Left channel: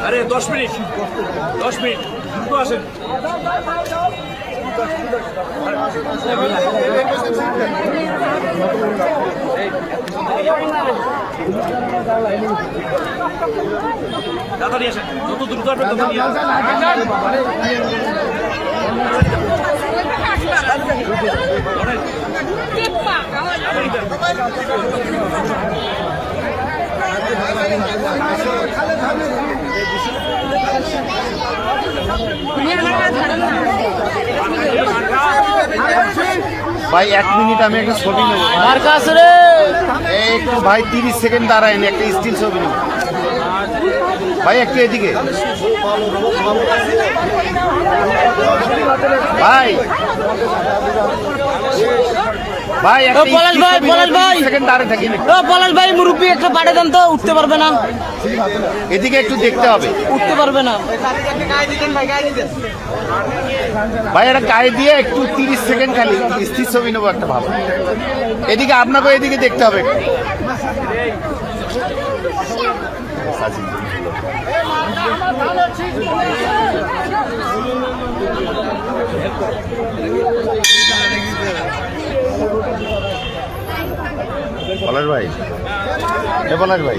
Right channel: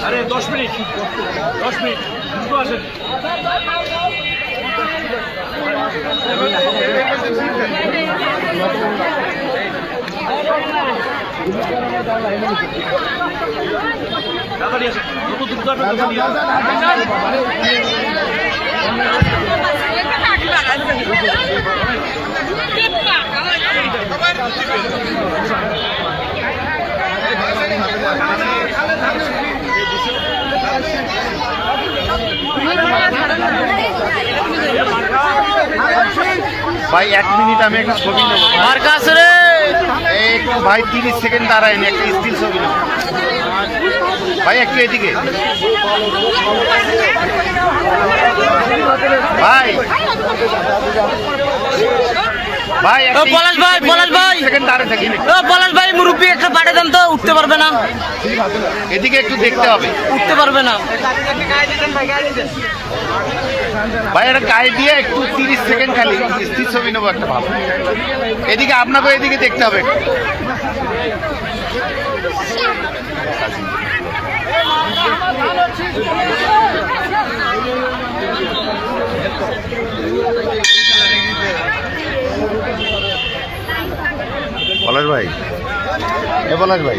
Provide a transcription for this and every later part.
আরে দশ মিনিট দশ মিনিট দ্রুত আসেন তাড়াতাড়ি আসেন যত দ্রুত আসবেন তত নিয়ে আসেন। ভাই এক মিনিট আমি একটা ছবি নেব। মার্কা আছে রে। একটু ভাই তিরিশ সেকেন্ড দাঁড়ায়নি একটা স্টিল ছবি নেব। ভাই একটু এদিকে। ভাই। ভাই ও, পলাশ ভাই, পলাশ ভাই। ও পলাশ ভাই মুরব্বী একটা পাঠিয়ে দেন তো উঠতে পারবে না। এদিকে একটু দেখতে হবে। উঠতে পারবে না। ভাই এটা গায়ে দিয়ে একটু তিরিশ সেকেন্ড খালি স্থির ছবি নেব একটা ভালো এদিকে আপনাকে এদিকে দেখতে হবে একটু। পলাশ ভাই এ পলাশ ভাই।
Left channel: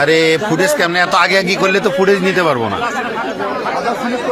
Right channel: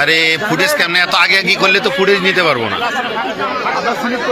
আরে ফুটেজ কেমনে এত আগে আগে করলে তো ফুটেজ নিতে পারব না।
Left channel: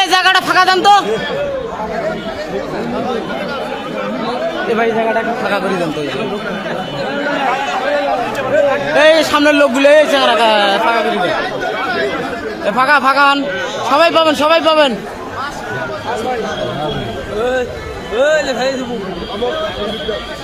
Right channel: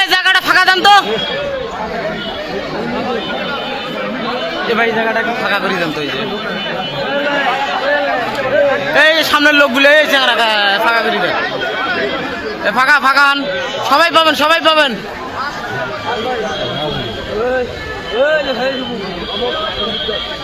এই জায়গাটা ফাঁকা দেন তো। ভাই জায়গাটা একটু ফাঁকা করে দেন তো, এই সামনের লোকগুলো, এই জায়গাটা ফাঁকা করে দেন। ফাঁকা ফাঁকা সবাই পাবেন সবাই পাবেন। সবাই আছে তাড়াতাড়ি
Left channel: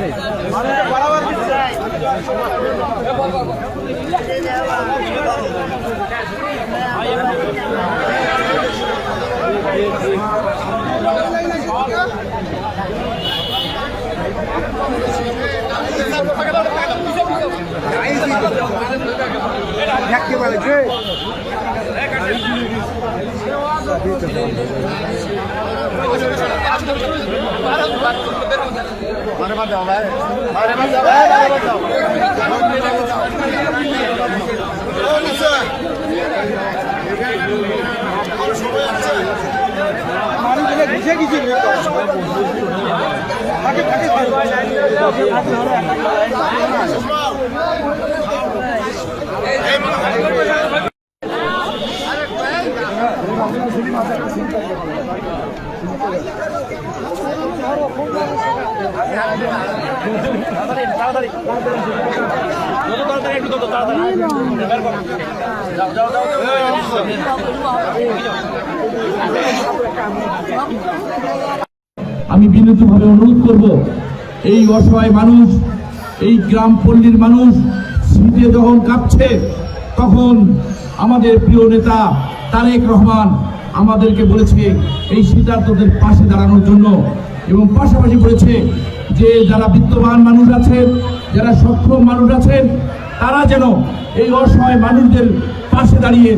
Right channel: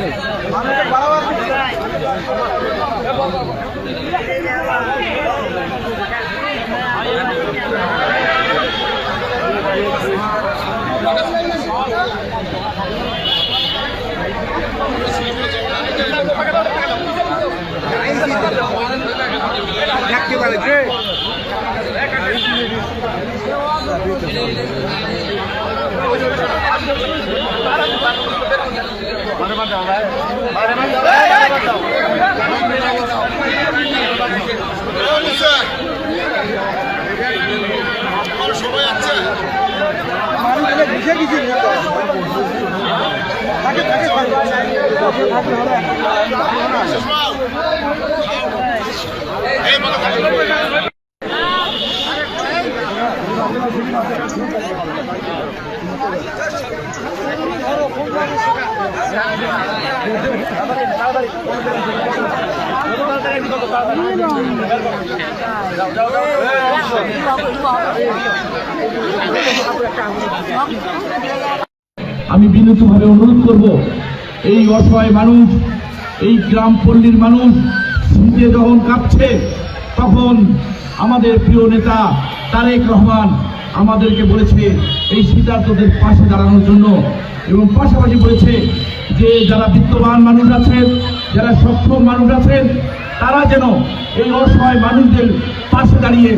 তাড়াতাড়ি একটু তত তাড়াতাড়ি বের করো। যাও যাও যাও আমি বিনীতভাবে অনুরোধ করব, এই অসহায় মানুষ, এই গ্রাম পল্লীর মানুষ শীতে যখন কাঁপছে, তখন আমাদের প্রিয় নেতা তারেক রহমান আমাদেরকে বলেছে এই শীতার্থদের পাশে দাঁড়ানোর জন্য এবং পাশাপাশি বলেছে যে যারা বিত্তবান মানুষ আছেন, যারা সক্ষম মানুষ আছেন, তারা যেন এই অসহায় মানুষদের পাশে দাঁড়িয়ে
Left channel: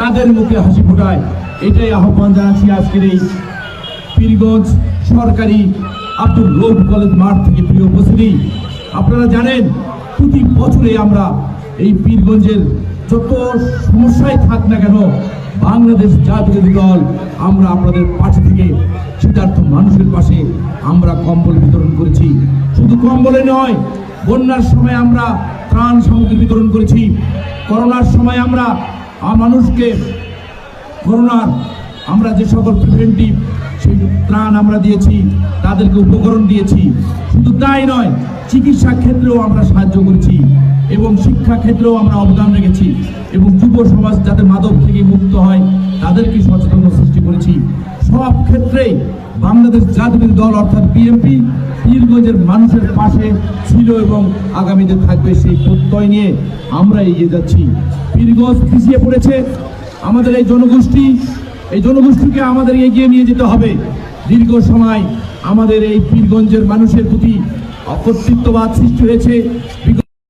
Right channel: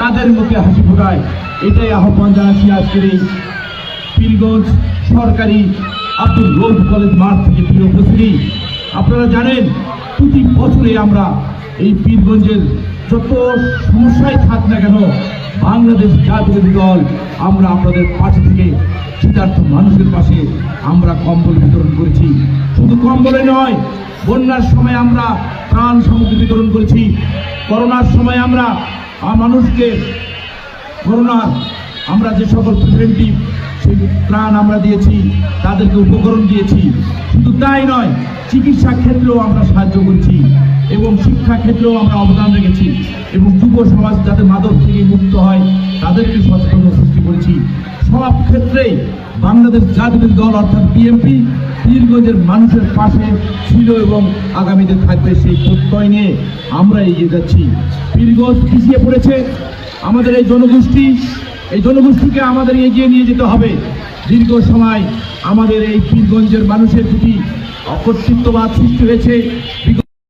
তাদের মুখে হাসি ফোটায়। এটাই আহ্বান জানাচ্ছি আজকের এই পীরগঞ্জ সরকারি আব্দুল রৌফ কলেজ মাঠ থেকে প্রিয় উপস্থিতি। আপনারা জানেন, প্রতি বছরে আমরা এই পীরগঞ্জের যত সমস্যায় থাক না কেন বাংলাদেশ জাতীয় দল, আমরা আপনাদের পাশে থেকে শীতার্থ মানুষের পাশে আমরা কম্বল বিতরণ করেছি। শুধু কম্বলে নয়, বন্যার সময় আমরা ত্রাণ সামগ্রী বিতরণ করেছি। করোনার সময় আমরা মানুষকে করোনার, আমরা যে সকল প্রিভেন্টিভ সেই ত্রাণ আমরা দিয়েছি, তাদেরকে উপকরণ দিয়েছি। শুধু তাই নয়, চিকিৎসা ক্ষেত্রেও আমরা সাহায্য করেছি। এবং শিক্ষা ক্ষেত্রেও আমরা অবদান রেখেছি এবং যুব সমাজ যাতে মাদক থেকে মুক্ত হয়, তাদেরকে সচেতনতা সৃষ্টি করেছি। সব ক্ষেত্রেই বাংলাদেশ জাতীয় দল অর্থাৎ বিএনপি পীরগঞ্জের মানুষের পাশে ছিল এবং আগামীতে থাকবে সেই প্রত্যয় নিয়ে আমরা এগিয়ে যাচ্ছি। পীরগঞ্জ পিছিয়ে পড়েছে। আমাদের এই জনগোষ্ঠী, এই জনগোষ্ঠীকে আমাদের এগিয়ে নিয়ে যেতে হবে। দীর্ঘ সময় আমাদের এই পীরগঞ্জের মানুষের প্রতি অকর্তৃত্ববাদ সৃষ্টি হয়েছে।